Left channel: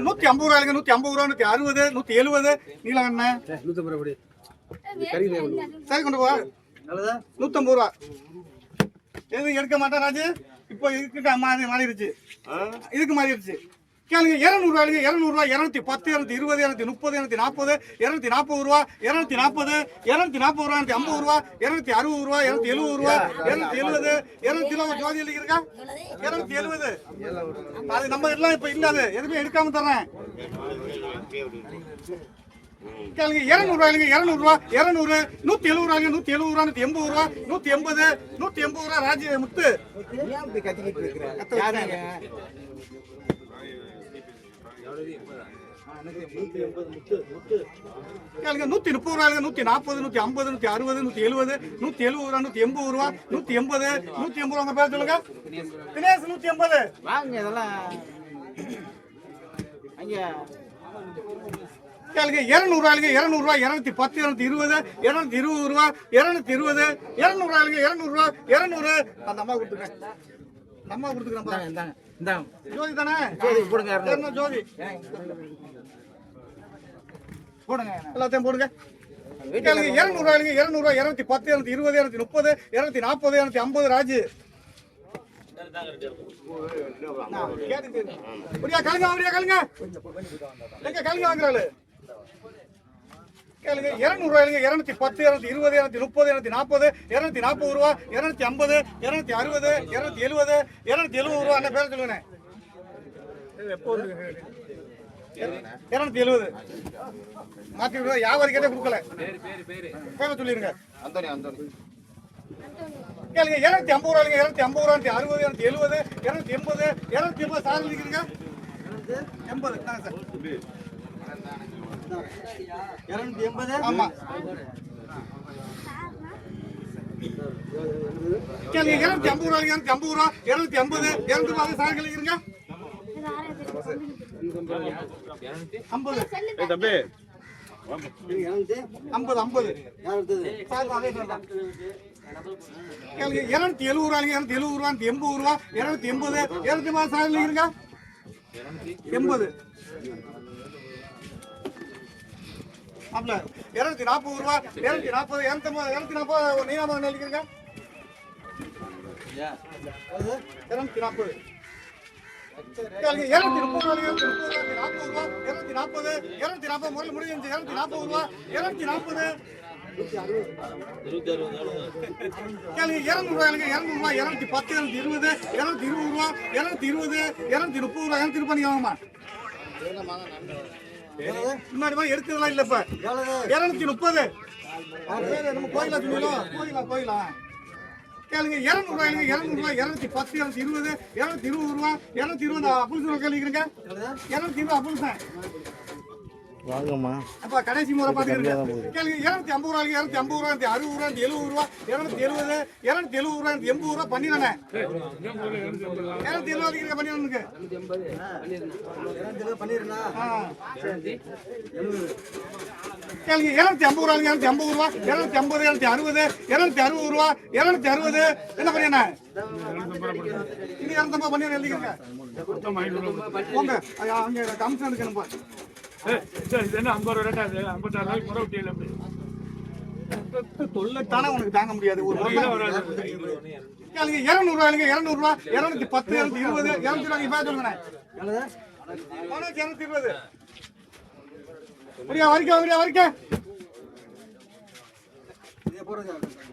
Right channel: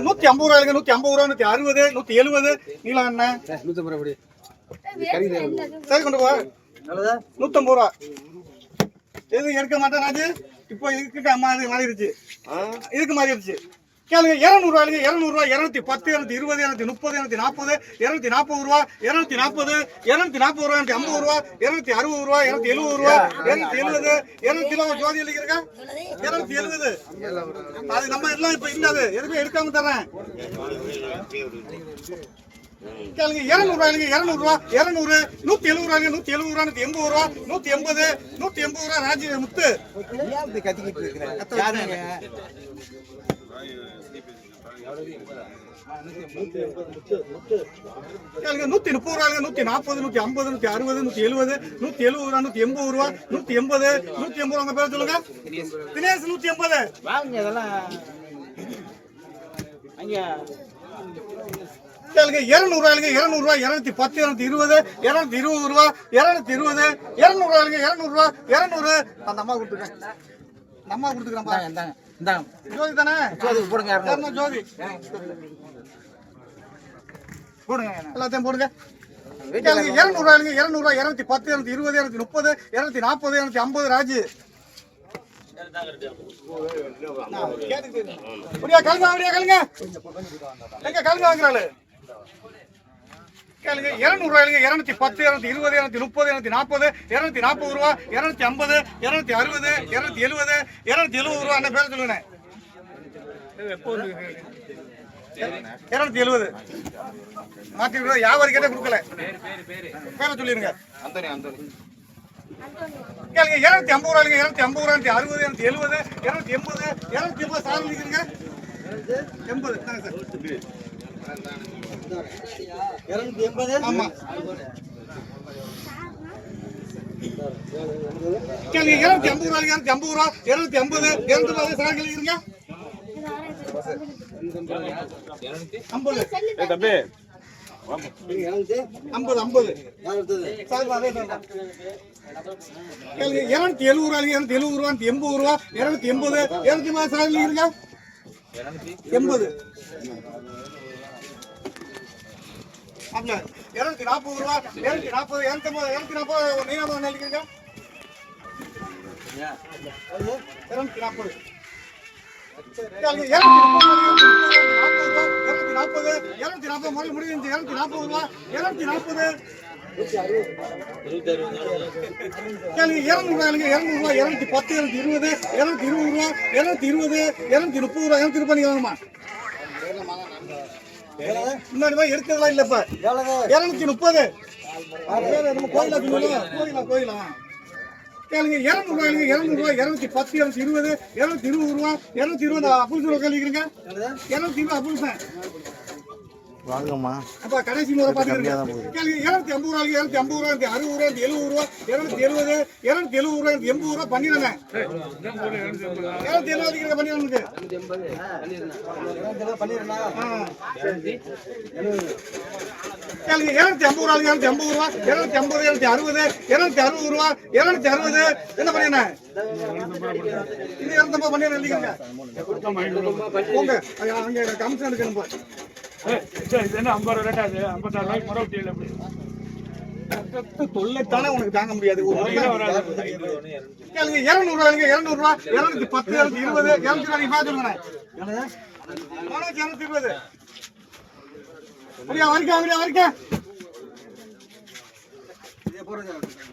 நூத்தி ஐம்பது ரூபாய்க்கு நூத்தி ஐம்பது ரூபா நூத்தி அறுபது நூத்தி எழுபது. நீளம் என்ன? நூற்றம்பது ரூபாய் சரி கொண்டு போ. நூத்தம்பது ரூபா. எது எடுக்க மாட்டேன் ராஜு இப்போ மாறி மாறிடுச்சு இதுக்கு மாறிடுச்சு கேளுங்க இரநூறுவாய்க்கு இரநூறுவா இரநூத்தி பத்து இரநூத்தி இருபது இரநூத்தி முப்பது இரநூத்தி நாற்பது இரநூத்தி நாற்பது ரூபா இரநூத்தி நாற்பது இரநூத்தி நாற்பது ரூபா இரநூத்தி ஐம்பது ரூபா இரநூத்தி அறுபது ரூபா இரநூத்தி எழுபது ரூபா இரநூத்தி எழுபது இரநூத்தி எழுபது ஜோதி எழுதிருக்கா இரநூத்தி எழுபது. அது நம்ம எல்லாம் இப்ப இல்லாது எதுவுமே எடுக்காம தரேன் கேளுங்க இருநூறு இல்லைங்க இருநூறு ரூபா நூத்தி எழுபது ரூபாய்க்கு நூத்தி எழுபது ரூபா நூத்தி எண்பது ரூபா நூத்தி எண்பது நூத்தி எண்பது ரூபா ராஜி முத்து. கத்திக்கிட்டு இருக்கிறேன் நூத்தி முப்பது ரூபாய்க்கு நூத்தி நாற்பது நூத்தி ஐம்பது நூத்தி அறுபது நூத்தி எழுபது நூத்தி எழுபது ரூபா நூத்தி எண்பது ரூபா நூத்தி எண்பது நூத்தி எண்பது ரூபா பேர் சொல்லுங்க. தினேஷ் நூத்தி எண்பது. வாங்க இதெல்லாம். அங்கே. கேளுங்க இருநூறு ரூபாய்க்கு இருநூறு ரூபாய் இருநூத்தி பத்து இருநூத்தி இருபது இருநூத்தி இருபது ரூபா இருநூத்தி இருபது இருநூறு ரூபாய்க்கு இருநூறு அந்த அம்மா கொடுத்துருக்கேன் அந்த அம்மா. கொடுத்துக்கிறேன்ப்பா இந்தாங்க ஜோதி தானே? ஜோதி போடுங்க ஜோதி? போடுங்க எல்லாத்தையும் போடுங்க. கேளுங்க இருநூறு ரூபாய்க்கு இருநூறு ரூபாய் இருநூத்தி பத்து இருநூத்தி இருபது இருநூத்தி முப்பது இருநூத்தி நாற்பது இருநூத்தி ஐம்பது ராஜு. அப்படியா கழுங்க அப்படியா கழுங்க எங்க கழுங்க வாங்குறாளு? கேளுங்க இருநூறு ரூபாய்க்கு இருநூத்தி பத்து இருநூத்தி இருபது இருநூத்தி முப்பது இருநூத்தி நாற்பது இருநூத்தி நாற்பது ரூபா இருநூத்தி ஐம்பது இருநூத்தி அறுபது இருநூத்தி எழுபது இருநூத்தி எழுபது ரூபா அந்த பேர் சொல்லுங்க இருநூத்தி எழுபது. மாத்தி விடுவா வியாபாரி கிட்ட கொடுக்கல? பேரை சொல்லிருங்க. அந்தோனி அந்தோனி. கேளுங்க இருநூத்தி ஐம்பது ரூபாய்க்கு இருநூத்தி ஐம்பது ரூபாய் அறுபது இருநூத்தி எழுபது இருநூத்தி எண்பது இருநூத்தி எண்பது சார் எண்பது தாங்க சார். இரநூத்தி எண்பது ஆமா இருநூத்தி ஐம்பது இருநூத்தி ஐம்பது ரூபா இருநூத்தி ஐம்பது இருநூத்தி ரூபாய் சார் எழுதிக்கிறீங்க ஐம்பது ஐம்பது ஐம்பது இருநூத்தி எழுபது இருநூத்தி எழுபது ரூபா எண்பது ரூபா இருநூத்தி எண்பது இருநூத்தி ரூபாய் சார் எண்பது இருநூத்தி நாற்பது ரூபா இருநூத்தி நாற்பது இருநூத்தி ஐம்பது இருநூத்தி நாற்பது நீனாம எழுதிக்கிறீங்க? இருநூத்தி நாற்பது. கேளுங்க, ரூபா, இருநூத்தி நாற்பது ரூபா, நாற்பது, இருநூத்தி நாற்பது முறை முடிஞ்சு, இருநூத்தி நாற்பது ரூபா, இருநூத்தி நாற்பது. கேளுங்க, இருநூறு ரூபாய்ங்க, இருநூறு ரூபாய், இருநூத்தி பத்து, இருநூத்தி இருபது, இருநூத்தி இருபது ரூபா, இருநூத்தி இருபது, இருநூத்தி முப்பது ரூபா, இருநூத்தி முப்பது நீங்க முன்னாடி போய் எடுக்கிறதெல்லாம் இல்ல இப்ப. இருநூத்தி முப்பது. நம்ம கோயிலா சொன்னீங்களா? கோயிலா கோயிலா. கேளுங்க இருநூறு ரூபாய்ங்க இருநூறு ரூபாய் இருநூத்தி பத்து இருநூத்தி இருபது இருநூத்தி இருபது ரூபா இருநூத்தி இருபது அப்புள் ரூபா கேள்விக்கிறீங்க? இருநூத்தி இருபது அப்புள் சார் வாங்கம்மா. அப்ப கடைசி முறை பாத்துக்கிறீங்க கேளுங்க இருநூத்தி ஐம்பது ரூபாய்க்கு இருநூத்தி ஐம்பது ரூபா இருநூத்தி அறுபது ரூபா எழுபது ரூபா இருநூத்தி எழுபது இருநூத்தி எழுபது ரூபா எண்பது ரூபா பண்ணிடுறேன். இருநூத்தி எழுபது அடிக்கிற பண்ணிடுறேன் கேளுங்க இருநூத்தி ஐம்பது ரூபாய்க்கு இருநூத்தி ஐம்பது ரூபா இருநூத்தி ஐம்பது இருநூத்தி அறுபது இருநூத்தி அறுபது ரூபா இருநூத்தி அறுபது. என்ன பண்ணிடுறேன்? இது இரநூத்தம்பது பண்ணிடுறேன் எழுதிக்கங்க போங்க. அங்க- அங்க எனக்கு கமிஷன் எடுக்கணும் போ. தொல்லைத்தானே உனக்கு தாங்க முடியாது ஒரு கேளுங்க இருநூறு ரூபாய்ங்க இருநூறு ரூபா இருநூத்தி பத்து இருநூத்தி இருபது இருநூத்தி ரூபாய் பார்த்து சொல்லுங்க இருநூத்தி இருபது. வரிக்கா வரியா வரிக்கா.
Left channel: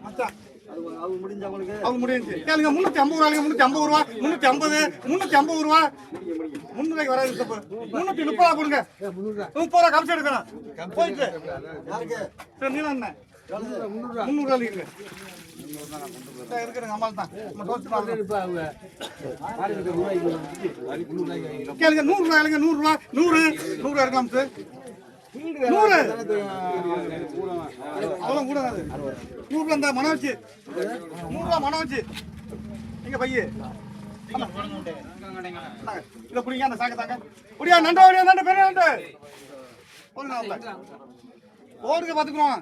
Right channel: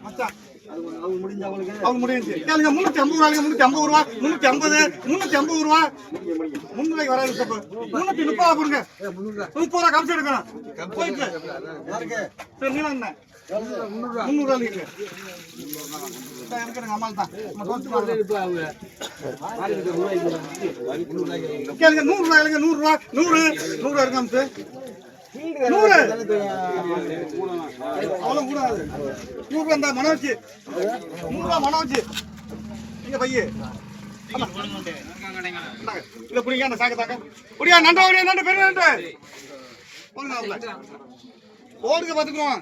மச்சான். அவங்க முடிஞ்சு. கேளுங்க முன்னூத்தி ஐம்பது ரூபாய்ங்க முன்னூத்தி ஐம்பது ரூபா முன்னூத்தி ஐம்பது முன்னூத்தி ஐம்பது ரூபா. முன்னூறு வராது தப்பு முன்னூத்தி முப்பது ரூபா கொடுங்க. முப்பது ரூபா கமிச்சு எடுக்கணும். போயிட்டு சரி நீ என்ன ரூபா இருக்கிறேங்க அம்மாள் தான். கேளுங்க நூறு ரூபாய்ங்க நூறு ரூபா நூறு நூறு ரூபா நூறு அவ்வளோ கூட நூறு இந்த மனோஜ். நூறு ரூபா மனோஜ். இங்க பைய. இத புடிங்க அந்த சாக்க தாக்க. புடியா நண்டா ஓடியா நண்டு பெரிய நண்டு. ஓடுங்க பாத்துக்குவோம்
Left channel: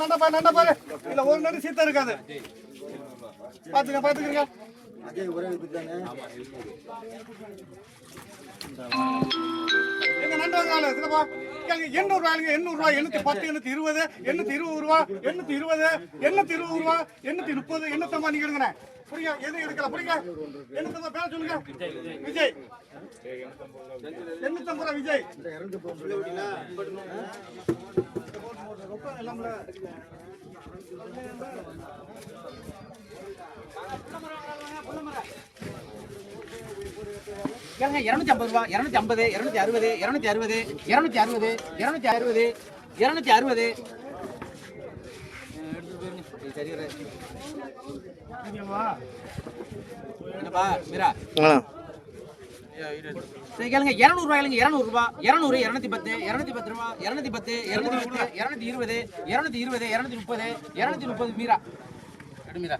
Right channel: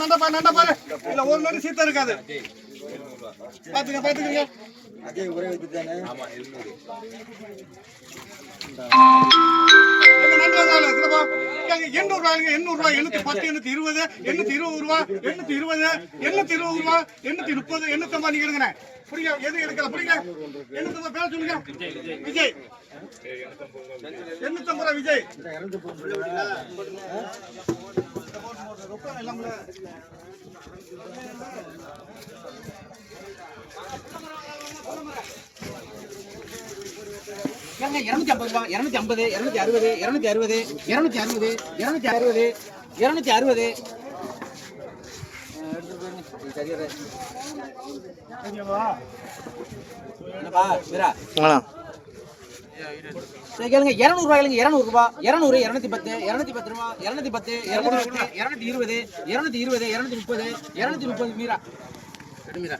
நண்டா பாரு நண்டா பாரு. இல்ல ஒரு நண்டு சீத்தம் இருக்காது. பாத்துக்க பாத்துக்கங்க அஜய் ஒரே வித்து தானே? இருக்காங்க எண்ணூறு ரூபாய்ங்க, எண்ணூறு ரூபாய், எண்ணூத்தி பத்து, எண்ணூத்தி இருபது, எண்ணூத்தி இருபது ரூபா, எண்ணூத்தி இருபது, எண்ணூத்தி இருபது ரூபா, எண்ணூத்தி முப்பது, எண்ணூத்தி ஐம்பது நீங்க எடுங்கண்ணே. புரியுங்க, எது எடுக்கல, புரியுங்க? எண்ணூத்தி பேர் சொல்லுங்க. விஜய் எண்ணூத்தி ஐம்பது ரூபா விஜய் கேளுங்க இருநூத்தி ஐம்பது ரூபா இருநூத்தி ஐம்பது இருநூத்தி அறுபது இருநூத்தி அறுபது இருநூத்தி அறுபது இருநூத்தி அறுபது இருநூத்தி அறுபது. மீரா சரி கேளுங்க இரநூறு ரூபாய்ங்க இரநூறு இரநூத்தி பத்து இரநூத்தி பத்து ரூபா இரநூத்தி பத்து இரநூத்தி பத்து இரநூத்தி இருபது இரநூத்தி இருபது இரநூத்தி முப்பது இரநூத்தி முப்பது மீரா. மீரா